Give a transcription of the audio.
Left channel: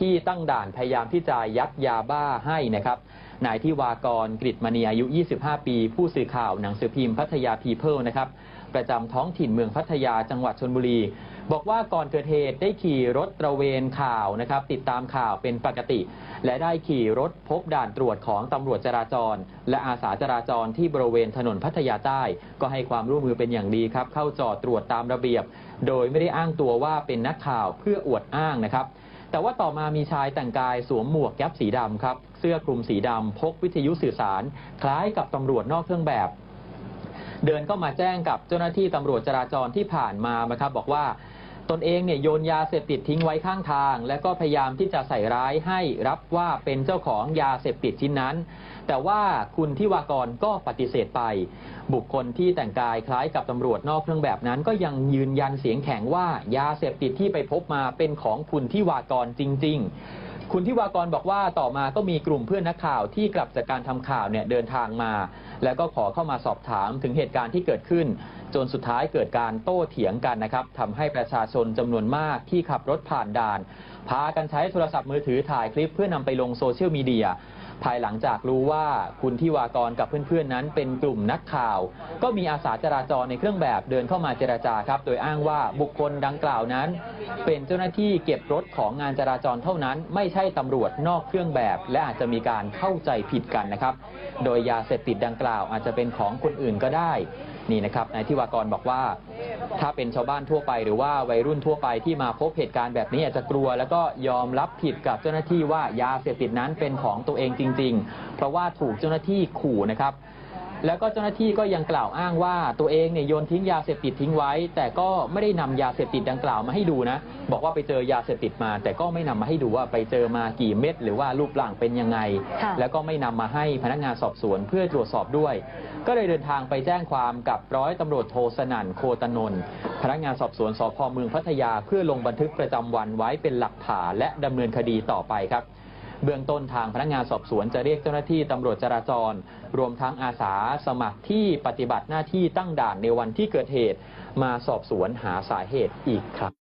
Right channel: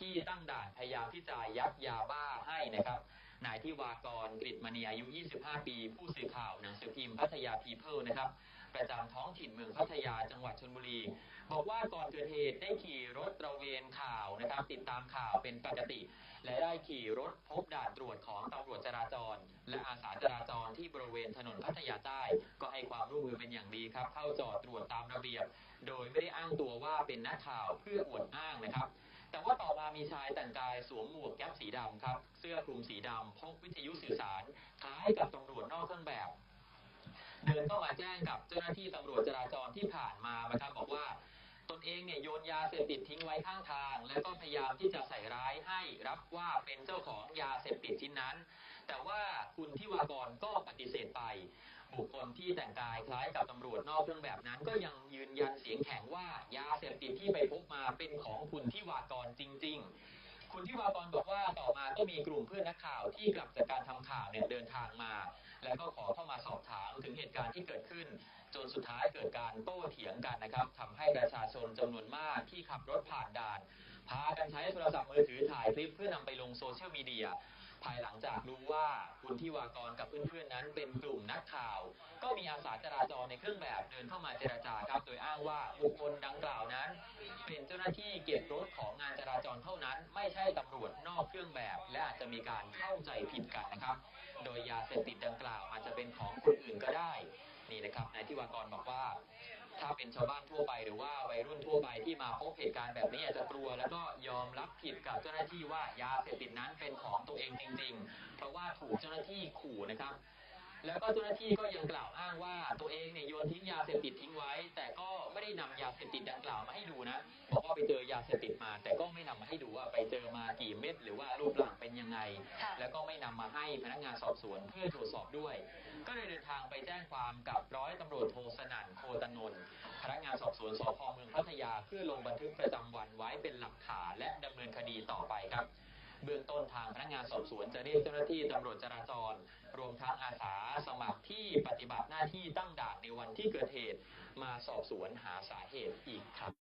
ที่ตั้งด่านพยายามที่จะยัดยาบ้าให้นะครับนายที่วากรกฤษมณีอายุ 25 ปี ผู้สื่อข่าวหนังสือพิมพ์พัทยาพีเพิลนะครับประจำท้องถิ่นเมืองพัทยาจังหวัดชนบุรี บอกว่าก่อนเกิดเหตุได้ขี่รถตระเวนข่าวนะครับ ติดตามข่าวเป็นปกติ และได้ขี่รถพบด่านตรวจของตำรวจจราจร และอาสาจราจรที่บริเวณถนนพัทยาใต้ ก็ให้ความร่วมมือเป็นอย่างดีครับ เข้าจอดตรวจตามระเบียบ โดยไม่ได้อ้างตัวว่าเป็นนักข่าวเพื่ออวดอ้างนะครับ แต่ว่าต่อมามีชายแต่งกายสวมหมวกแก๊ปสีดำครับ เสื้อคลุมสีดำพกวิทยุสื่อสาร คล้ายกับตำรวจนอกเครื่องแบบ เดินเข้ามาแจ้งกับเจ้าหน้าที่ตำรวจจราจรที่ผ่านมานะครับบอกว่า ตนเองเนี่ยโยนยาเสพติดทิ้งไว้ข้างทาง และก็พยายามที่จะใส่ร้ายให้รับว่าเป็นเจ้าของยาเสพติดชิ้นนั้น แต่ว่าคุณทิวากรก็ปฏิเสธไป บุคคลที่แต่งกายคล้ายกับตำรวจนอกเครื่องแบบนั้น ก็ยังยืนยันเสียงแข็งว่ายาเสพติดที่ไปพบมาเป็นของคุณทิวากรจริง ๆ คุณทิวากรบอกว่าต่อมาก็มีกลุ่มเพื่อนนักข่าวที่กลับจากการทำข่าวเนี่ยเดินทางมา แล้วก็ขอเข้ามาสอบถามถึงเหตุการณ์ที่เกิดขึ้น จนสุดท้ายเกิดการโต้เถียงกันนะครับทำให้ประชาชนจำนวนมากที่ขับรถผ่านด่าน พากันใช้โทรศัพท์มือถือถ่ายคลิปเพื่อนำไปลงโซเชียลมีเดีย ภายหลังจากรู้ว่าคุณทิวากรกับเพื่อนๆนั้นเป็นกลุ่มนักข่าว ก็มีอาสาจราจรในเครื่องแบบเดินเข้ามาเจราจาครับ โดยอ้างว่าบุคคลดังกล่าวนั้น เป็นเจ้าหน้าที่เก็บรถของงานจราจรเท่านั้นไม่ใช่ตำรวจนอกเครื่องแบบ และอาจจะมีการเข้าใจผิดกันนะครับ โดยยาเสพติดดังกล่าวอาจจะเป็นของคนอื่นก็ได้นี่นะครับนายทิวากรบอกว่า ถ้าเป็นชาวบ้านทั่วไป หรือว่าวัยรุ่นทั่วไปที่มาพบเหตุการณ์แบบนี้อาจจะกลัว แล้วก็ยอมรับผิดกับเจ้าหน้าที่ว่ายาเสพติดนั้นเป็นของตัวเองจริงๆ เพราะว่าถูกเจ้าหน้าที่ขู่นะครับ แล้วก็เจ้าหน้าที่ก็ยังกล่าวอ้างว่าตัวเองเนี่ยโยนทิ้งยาเสพติดทิ้งไว้ แต่ก็ไม่ได้นำยาเสพติดดังกล่าวมาให้ดูนะ บอกว่าไปเจอยาเสพติดมา แต่ก็ไม่นำมาให้ดูว่าไปเจอมากี่เม็ดหรือว่ารูปร่างเป็นยังไงค่ะแล้วก็ไม่นำมาให้พนักงานสอบสวนเพื่อตรวจสอบด้วย ก็เลยเดินทางไปแจ้งความกับร้อยตำรวจโทสนั่นโคตนนท์พนักงานสอบสวนสพเมืองพัทยา เพื่อลงบันทึกประจำวันไว้เป็นหลักฐานและดำเนินคดีต่อไปครับ เบื้องต้นทางพนักงานสอบสวนจะเรียกเจ้าหน้าที่ตำรวจจราจร รวมทั้งอาสาสมัครที่ปฏิบัติหน้าที่ตั้งด่านในวันที่เกิดเหตุ มาสอบสวนหาสาเหตุอีกครั้ง